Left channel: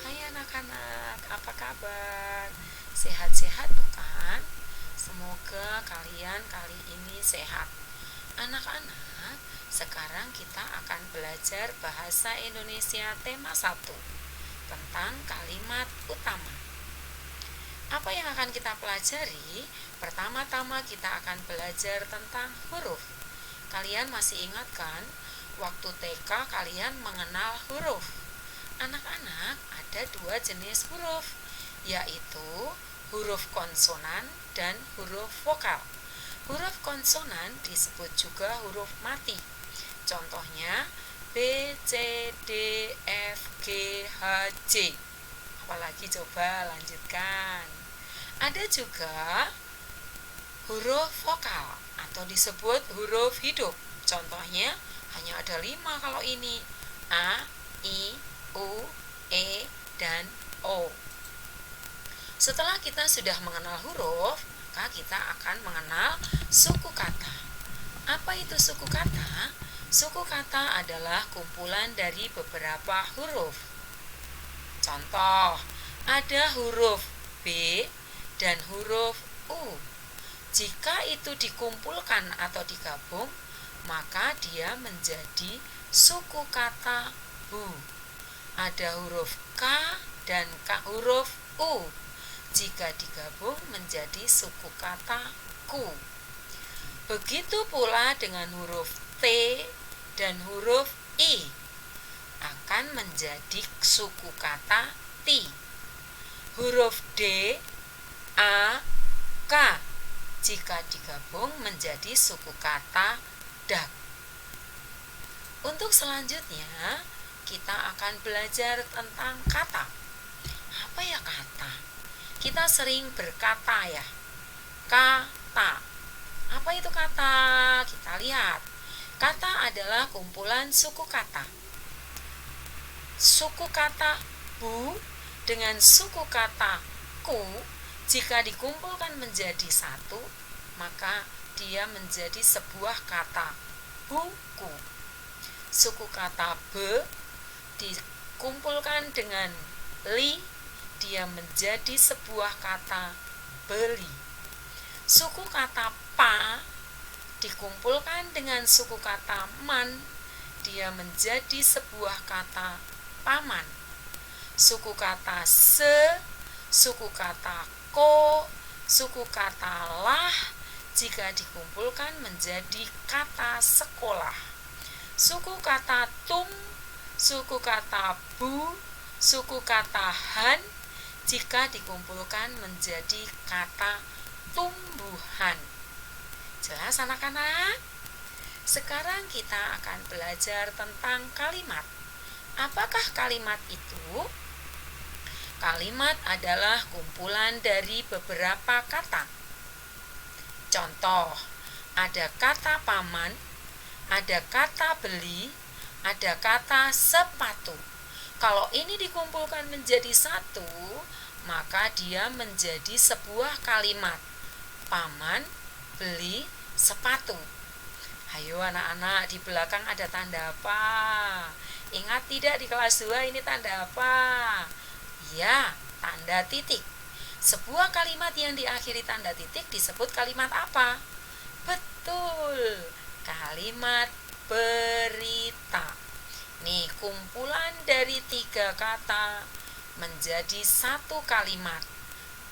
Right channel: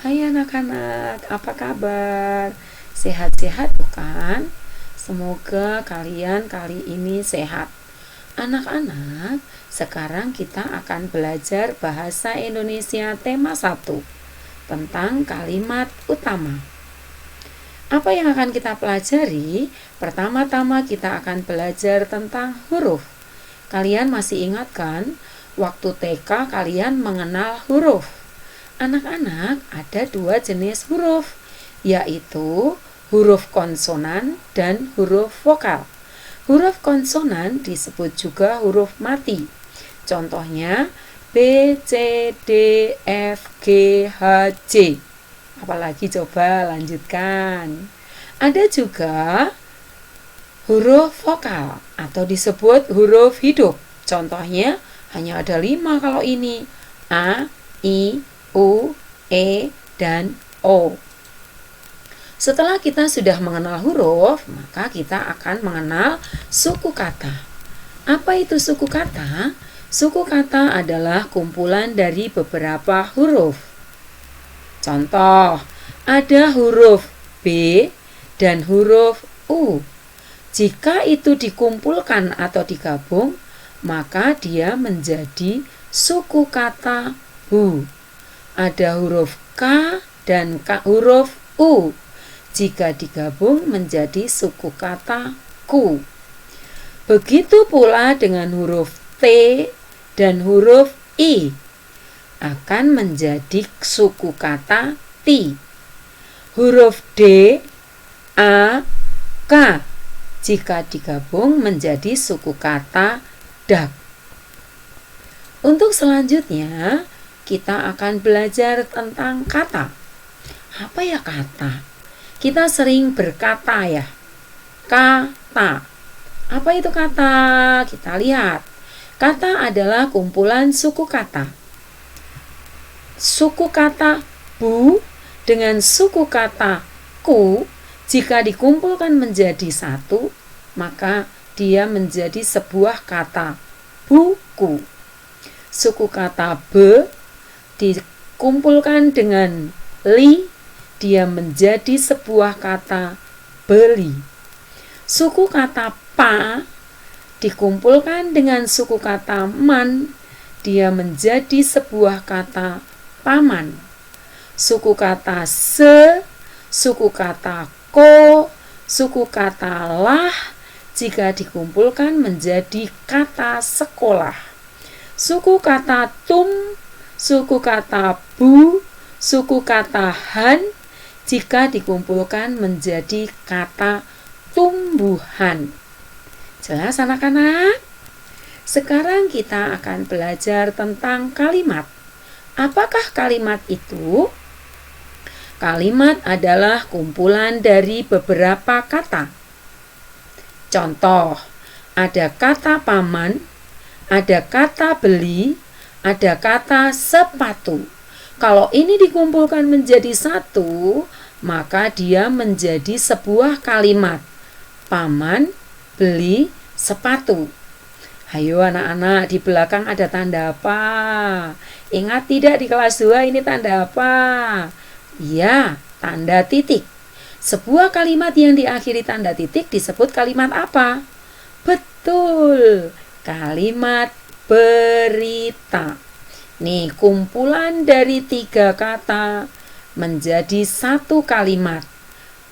Hai anak-anak, apa kabar? Sehat-sehat bukan? Semoga kalian kali ini sehat. Anak-anak, sekarang kita akan belajar bahasa Indonesia tema 1 tentang kalimat utama. Apa yang akan kita pelajari? Pertama-tama kita akan belajar tentang huruf. Kalian masih ingat kan? Waktu TK kalian mengenal huruf. Anak-anak, ada 2 jenis huruf, yaitu huruf konsonan dan huruf vokal. Huruf konsonan disebut juga huruf mati. Contohnya B, C, D, F, G, H, J. Apalagi coba lanjutkan. Ada juga huruf vokal atau disebut huruf hidup. Contohnya hanya ada 5 kalau ini. A, I, U, E, dan O. Setelah kita sudah mengenal huruf, maka kita akan mengenal suku kata. Apa itu suku kata? Suku kata adalah kumpulan dari beberapa huruf. Contoh, ada huruf B dan huruf U. Jika itu dikumpulkan atau digabung, maka dia menjadi suku kata bu. Ada huruf K dan huruf U. Jika digabung menjadi suku kata ku. Begitu pula dengan huruf T dan huruf I. Akan menjadi suku kata ti. Huruf D, A, K. Jika digabung menjadi suku kata dak. Untuk selanjutnya, kita akan belajar tentang kata. Apa ya kata? Kita sering berkata ya. Kata. Apa itu kata? Kita lihat. Kata adalah kumpulan suku kata. Suku kata bu dengan suku kata ku, jika dikumpulkan menjadi satu, maka dia menjadi sebuah kata buku. Suku kata be dikumpulkan dengan li, dia menjadi sebuah kata beli. Suku kata pa dikumpulkan dengan suku kata man, dia menjadi sebuah kata paman. Suku kata se, suku kata ko, suku kata lah, jika dikumpulkan menjadi kata sekolah. Suku kata tum, suku kata bu, suku kata han, jika dikumpulkan menjadi kata tumbuhan. Jelas anak-anak? Sekarang kita akan belajar tentang kalimat. Apakah kalimat itu? Kalimat adalah kumpulan dari beberapa kata. Contoh, ada kata paman, ada kata beli, ada kata sepatu. Kalau ini dikumpulkan menjadi satu, maka dia menjadi sebuah kalimat. Paman, beli, sepatu. Hayo anak-anak, di belakang ada tanda apa? Ingat tidak di kelas 2 ini tanda apa? Iya, tanda titik. Sebuah kalimat yang diakhiri tanda titik disebut kalimat apa? Betul, kalimat berita. Nih, kumpulan dari 3 kata menjadi satu kalimat.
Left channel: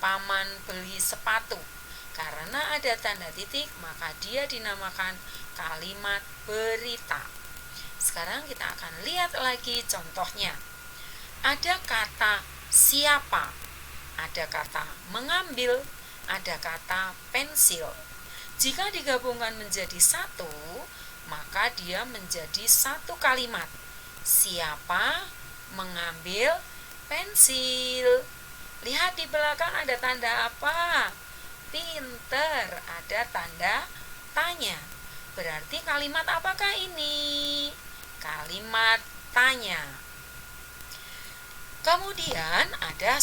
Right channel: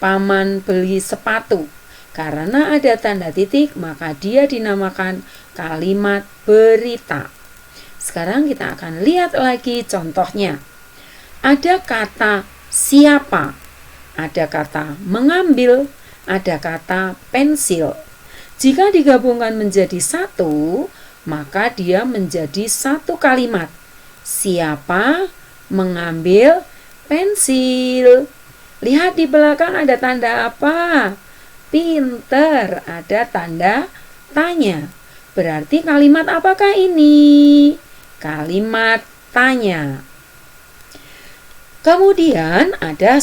Paman beli sepatu. Karena ada tanda titik, maka dia dinamakan kalimat berita. Sekarang kita akan lihat lagi contohnya. Ada kata siapa, ada kata mengambil, ada kata pensil. Jika digabungkan menjadi satu, maka dia menjadi satu kalimat. Siapa mengambil pensil. Lihat di belakang ada tanda apa? Pinter, ada tanda tanya. Berarti kalimat apakah ini? Kalimat tanya. Kemudian ada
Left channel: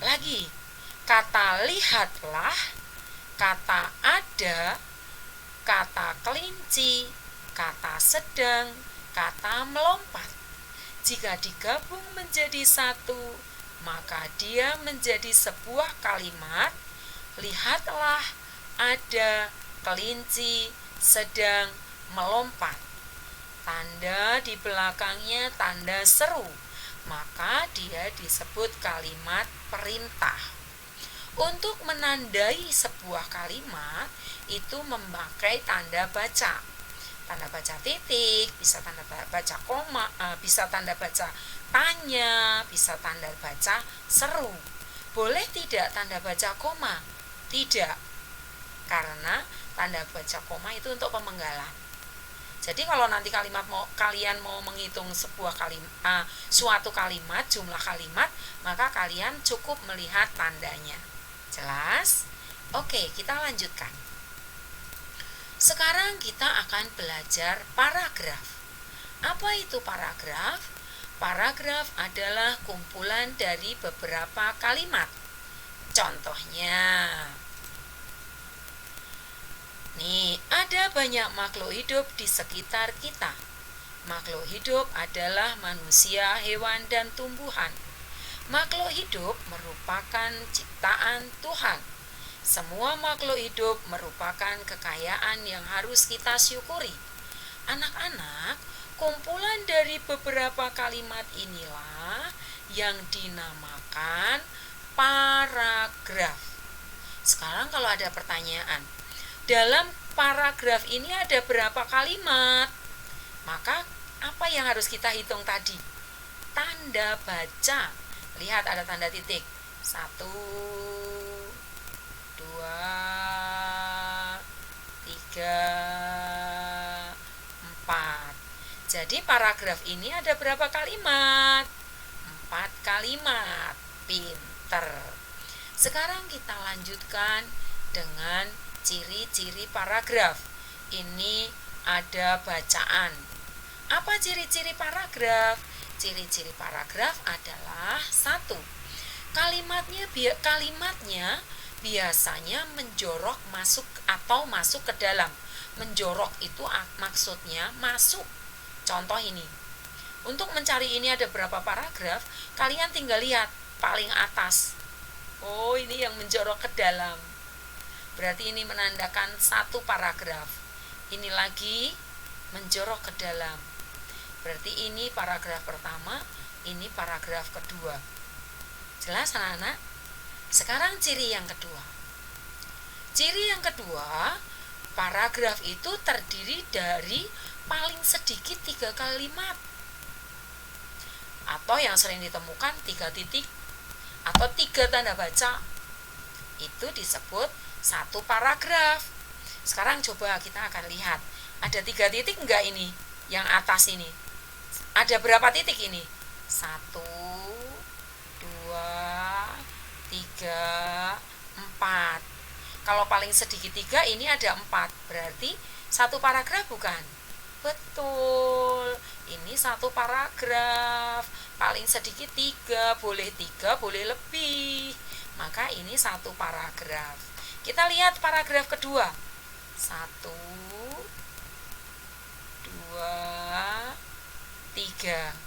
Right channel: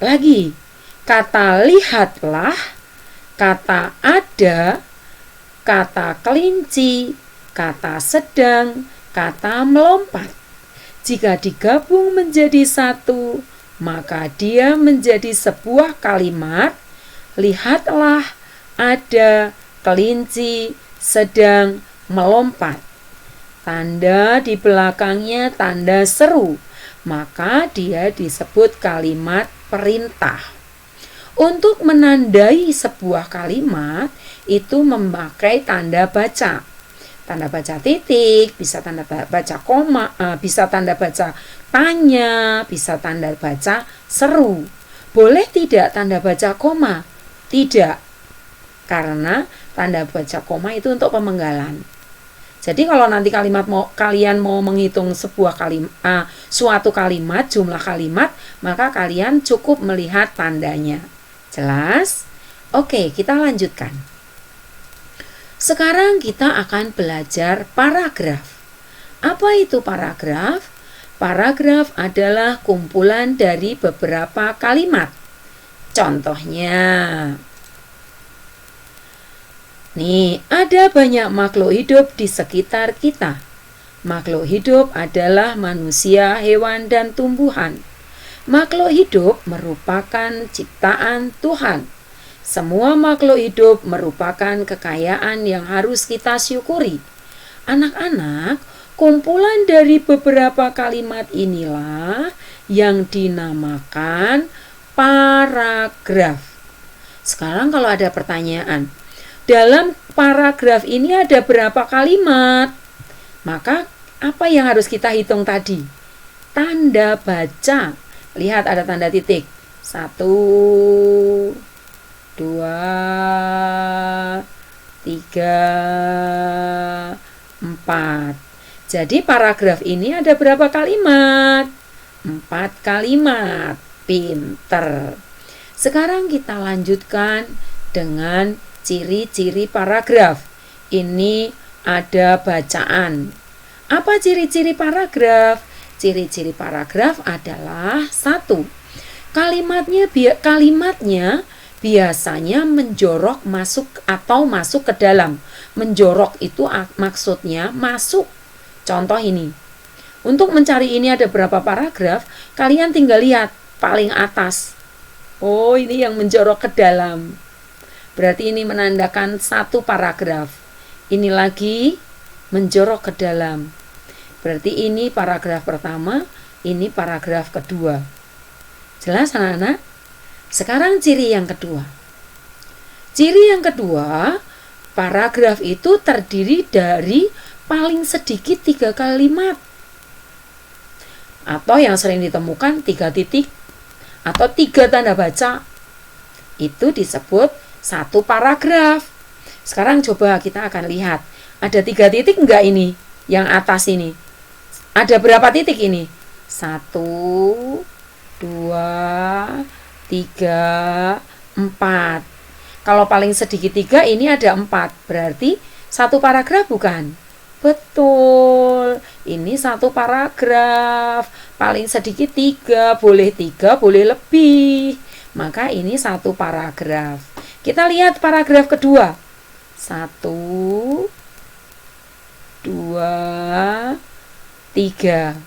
lagi kata lihatlah, kata ada, kata kelinci, kata sedang, kata melompat. Jika digabung menjadi satu, maka dia menjadi sebuah kalimat. Lihatlah, ada kelinci sedang melompat. Tanda di belakangnya tanda seru, maka dia disebut kalimat perintah. Untuk menandai sebuah kalimat itu memakai tanda baca. Tanda baca titik, bisa tanda baca koma, bisa tanda baca tanya, bisa tanda baca seru. Boleh tidak tanda baca koma? Tidak, karena tanda baca koma itu untuk pemenggalan. Jadi kalau nanti kalian mau menghitung suatu kalimat, jumlah kalimat, maka kalian cukup melihat tandanya. Jelas? Oke, kita lanjutkan. Sekarang kita akan belajar paragraf. Apa itu paragraf? Paragraf adalah kumpulan dari beberapa kalimat. Contohnya, nih, ada banyak makhluk hidup di sekitar kita. Makhluk hidup adalah manusia, hewan, dan tumbuhan. Makhluk hidup merupakan ciptaan Tuhan. Semua makhluk hidup merupakan kekayaan yang harus kita syukuri. Anak-anak, kumpulan dari beberapa kalimat inilah yang dinamakan paragraf. Sekarang kalau ada pertanyaan, dalam paragraf ini ada berapa kalimat? Maka apa yang harus kita hitung tadi? Tanda baca. Lihat ada tanda titik. 1, 2, 3, 4. Jadi paragraf ini ada berapa kalimat? 4 kalimat. Pinter. Sekarang kita lanjutkan dengan ciri-ciri paragraf. Ini ada bacaan. Apa ciri-ciri paragraf? Ciri-ciri paragraf adalah 1. Kalimatnya biasanya menjorok masuk atau masuk ke dalam. Menjorok itu maksudnya masuk. Contoh ini. Untuk mencari ini ada berapa paragraf, kalian tinggal lihat paling atas. Oh, ini yang menjorok ke dalam. Berarti ini menandakan 1 paragraf. Ini lagi menjorok ke dalam. Berarti ini paragraf pertama, ini paragraf kedua. Jelas anak-anak? Sekarang ciri yang kedua. Ciri yang kedua, paragraf itu terdiri dari paling sedikit 3 kalimat. Atau yang sering ditemukan 3 titik atau 3 tanda baca. Itu disebut 1 paragraf. Sekarang coba kita akan lihat. Ada 3 titik enggak ini? Yang atas ini. Ada berapa titik ini? 1, 2, 3, 4. Kalau paling sedikit 3 ini ada 4. Berarti 1 paragraf bukan? Betul. Ini 1 paragraf. Paling sedikit 3. Boleh 3, boleh lebih. Maka ini 1 paragraf. Kita lihat paragraf kedua. 1, 2, 3.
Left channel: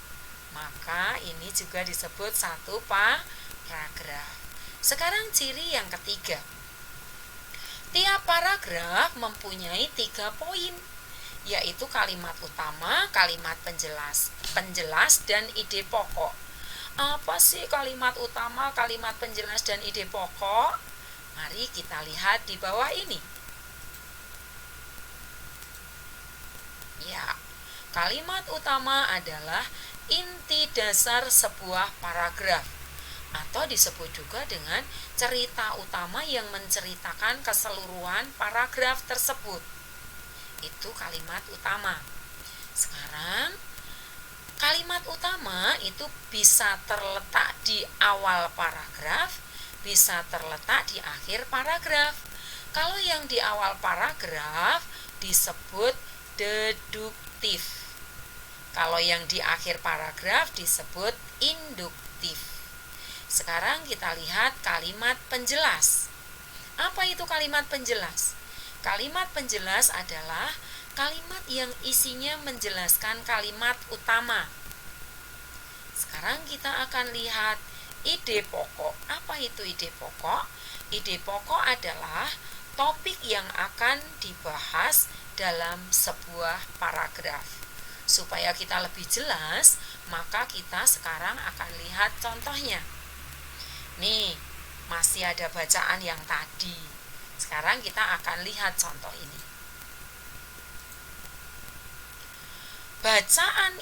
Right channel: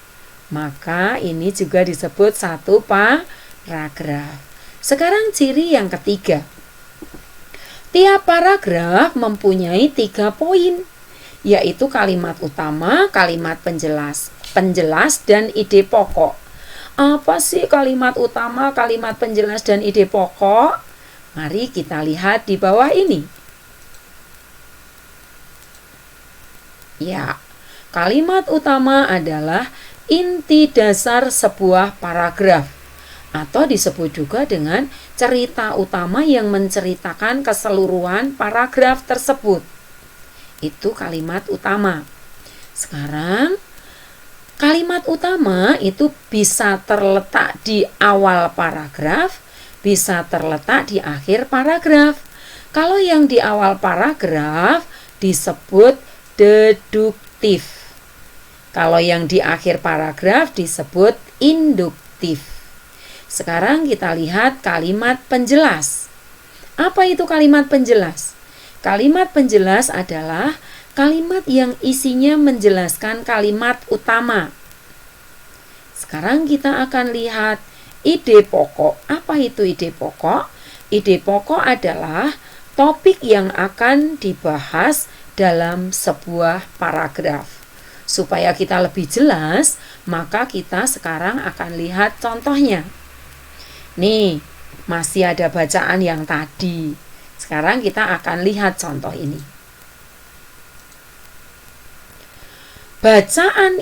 Maka ini juga disebut 1 paragraf. Sekarang ciri yang ketiga. Tiap paragraf mempunyai 3 poin, yaitu kalimat utama, kalimat penjelas dan ide pokok. Apa sih kalimat utama, kalimat penjelas dan ide pokok? Mari kita lihat di bawah ini. Ya, kalimat utama adalah inti dasar sebuah paragraf, atau disebut juga dengan cerita utama yang menceritakan keseluruhan paragraf tersebut. Itu kalimat utama. Sekarang, kalimat utama itu bisa terletak di awal paragraf, bisa terletak di akhir paragraf. Kalau yang di awal paragraf disebut deduktif. Kalau yang di akhir paragraf disebut induktif. Sekarang kita lihat kalimat penjelas. Apa itu kalimat penjelas? Kalimat penjelas adalah kalimat yang isinya menjelaskan kalimat utama. Sekarang kita akan lihat ide pokok. Apa itu ide pokok? Ide pokok adalah topik yang akan dibahas dalam sebuah paragraf. Supaya kita lebih jelas, maka kita sekarang akan lihat contohnya. Nih, masih ada bacaan yang tadi. Sekarang kita akan lihat contoh ini. Bacaan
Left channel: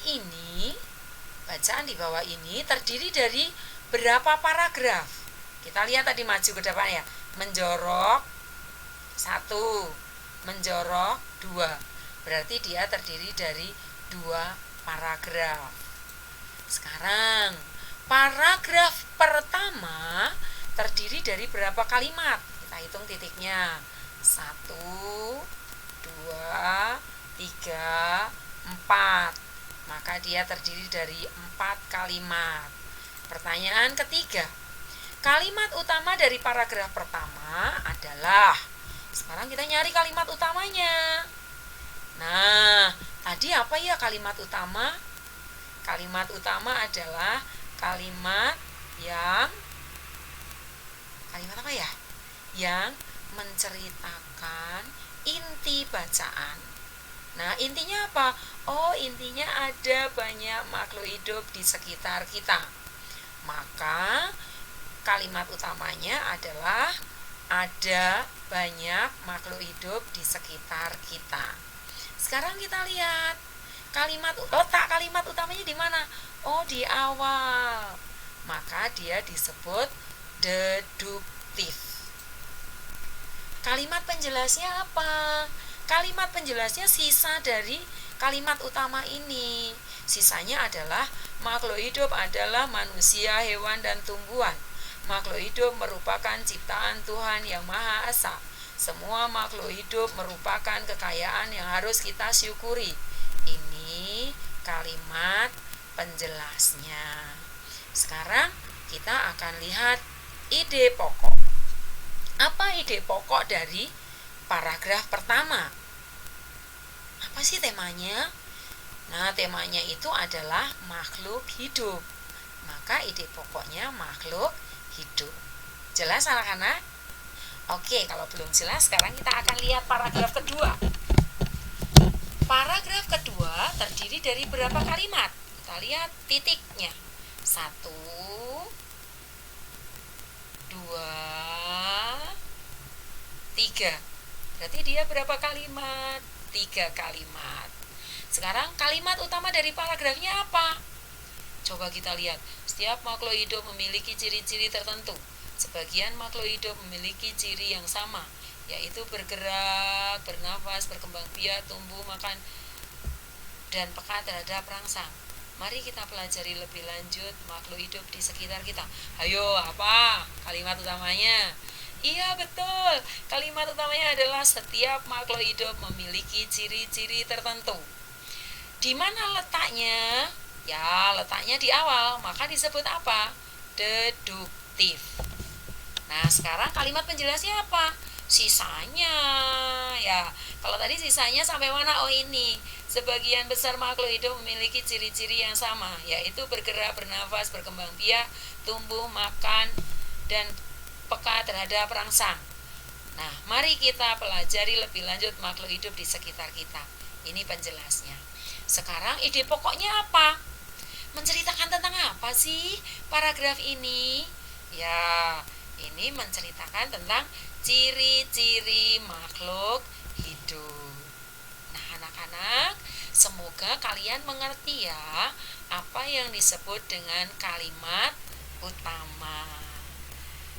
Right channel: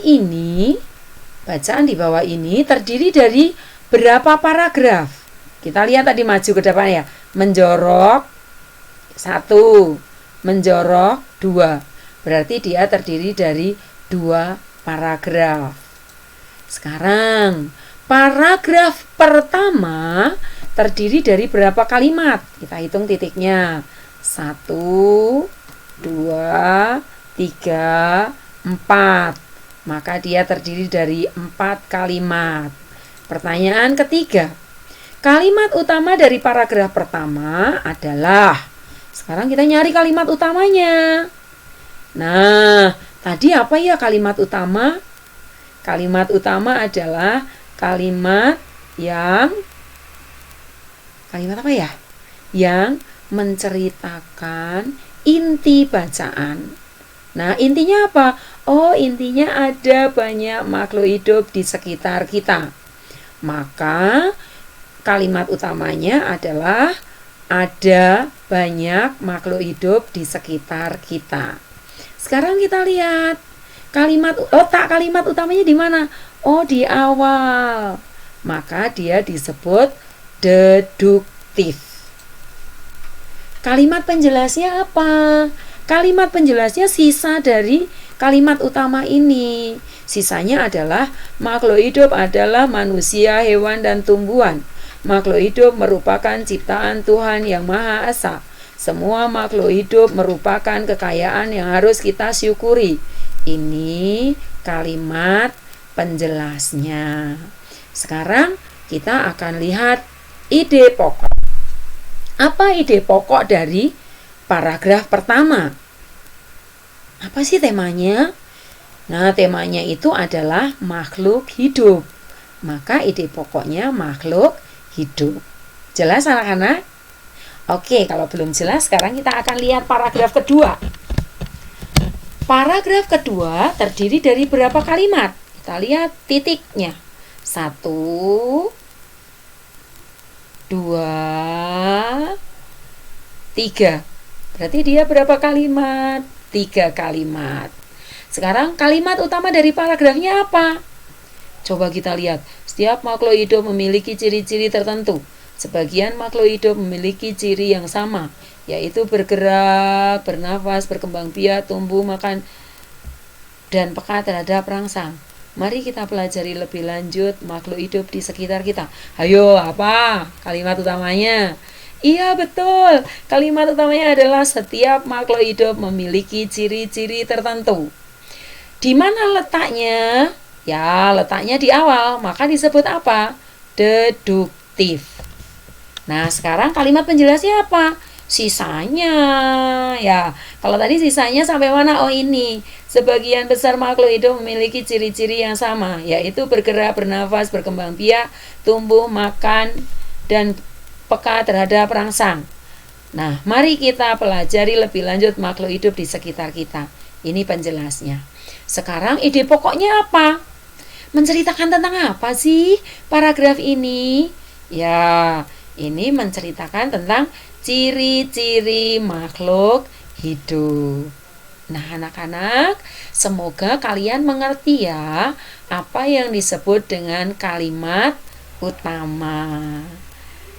di bawah ini terdiri dari berapa paragraf? Kita lihat tadi maju ke depan ya. Menjorok 1, menjorok 2. Berarti dia terdiri dari 2 paragraf. Sekarang, paragraf pertama terdiri dari berapa kalimat? Kita hitung titiknya. 1, 2, 3, 4. Maka dia terdiri dari 4 kalimat. Pertanyaan ketiga. Kalimat utama dari paragraf pertama adalah, sekarang kita nyari kalimat utamanya. Nah, tadi apa ya kalimat utama? Kalimat utama adalah kalimat apa ya? Yang menceritakan inti bacaan. Nah, intinya apa? Oh, intinya ada banyak makhluk hidup di sekitar kita. Maka kalimat utamanya adalah ada banyak makhluk hidup di sekitar kita. Sekarang kita lihat letak kalimat utamanya di mana? Oh, di awal. Maka dia disebut deduktif. Kalimat penjelasnya apa? Kalimat penjelasnya sisa dari kalimat utama ini. Sisanya adalah makhluk hidup adalah manusia, hewan, dan tumbuhan. Makhluk hidup merupakan ciptaan Tuhan yang Maha Esa. Semua makhluk hidup merupakan kekayaan yang harus kita syukuri. Ini kalimat penjelasnya. Sekarang kita akan lihat ide pokok. Apa ide pokok dari paragraf pertama? Apa sih temanya? Nah, temanya itu adalah makhluk hidup. Maka ide pokoknya makhluk hidup. Jelas anak-anak? Oke, kalau belum jelas, sekarang kita akan lihat paragraf kedua. Paragraf kedua terdiri dari berapa kalimat? Kita lihat titiknya. 1, 2, 3. Berarti dia berapa kalimat? 3 kalimat. Sekarang kalimat utama dari paragrafnya apa? Coba kita lihat. Setiap makhluk hidup memiliki ciri-ciri tertentu. Sebagian makhluk hidup memiliki ciri yang sama, yaitu bergerak, bernafas, berkembang biak, tumbuh, makan, dan peka terhadap rangsang. Mari kita pelajari lebih lanjut makhluk hidup di sekitar kita. Ayo, apa kalimat utamanya? Iya, betul. Kalimat utamanya adalah setiap makhluk hidup memiliki ciri-ciri tertentu. Di mana letaknya? Ya, letaknya di awal. Maka disebut apa? Deduktif. Nah, sekarang kalimat penjelasnya apa? Sisanya. Ya, kalau tadi sisanya sampai mana? Oh, ini. Sebagian besar makhluk hidup memiliki ciri-ciri yang sama, yaitu bergerak, bernafas, berkembang biak, tumbuh, makan, dan peka terhadap rangsang. Nah, mari kita pelajari lebih lanjut makhluk hidup di sekitar kita. Ini penjelasnya. Sekarang ide pokoknya apa? Menceritakan tentang apa sih paragraf ini? Ya, ini menceritakan tentang ciri-ciri makhluk hidup. Nah, anak-anak, semoga kalian mengerti ya apa yang disebut dengan kalimat utama.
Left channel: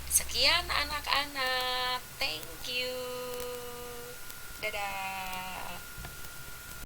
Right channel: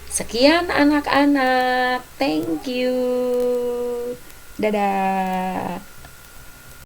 Sekian anak-anak. Thank you. Dadah.